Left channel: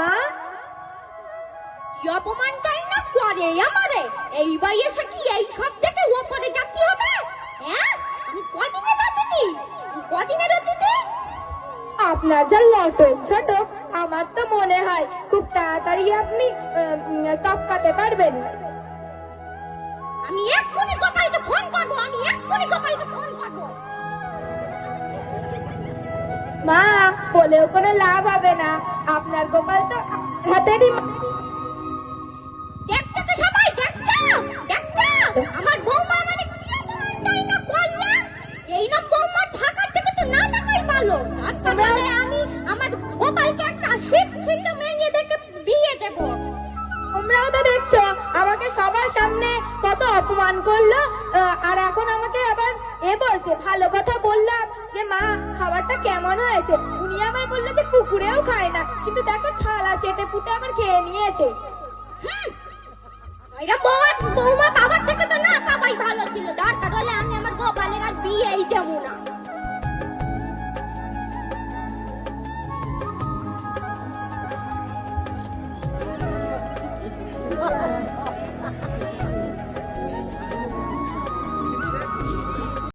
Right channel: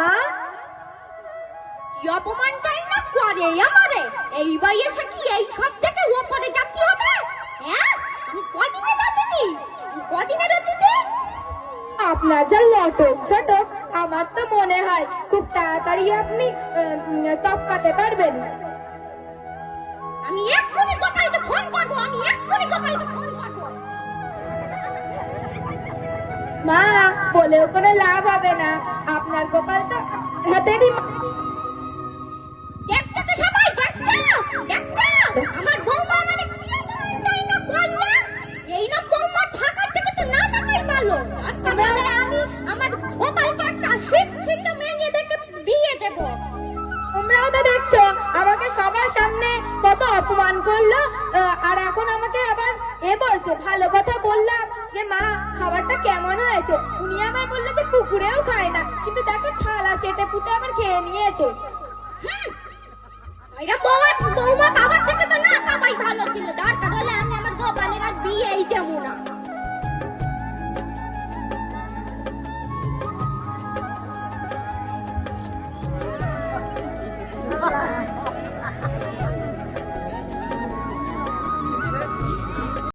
মা। কি অপমানটাই না করে আমারে? বয়সে কি এই সব থেকে ওপরে হবে? হ্যাঁ? আপনার যা লটক ছোটক, আমার তো মনে হয় খুব তাড়াতাড়ি আপনি টপকাতে পারবেন। আমি এক্ষুনি গোপালকে ফোন করব, আমি এক্ষুনি গোপালকে ফোন করব। মা বলেও কোনো লাভ হবে না। আপনার গোপাল তো হাতেরই সবাই দেখছ? দেখছ? আমার বৌমা আমাদের কি অপমানটাই না এই নাম বৌমা থাকার থেকে তো না থাকাই ভালো। আর আমি আমার গোপালকে একটা শিক্ষিত মেয়ে দেখে বিয়ে দেবো। তোমরাও তো দেখছ আমাকে সবার সামনে কত অপমান করল। আর এখন আমাকে আবার এ বলছে ভালো কথা বললাম। যে মা, খাবারটা কেমন হয়েছে? উনি আবার বলল যে পুকুরেও খায় না। কিন্তু দেখো থালা চেটে পুটে আবার খেয়ে নিয়েছে। বৌমা।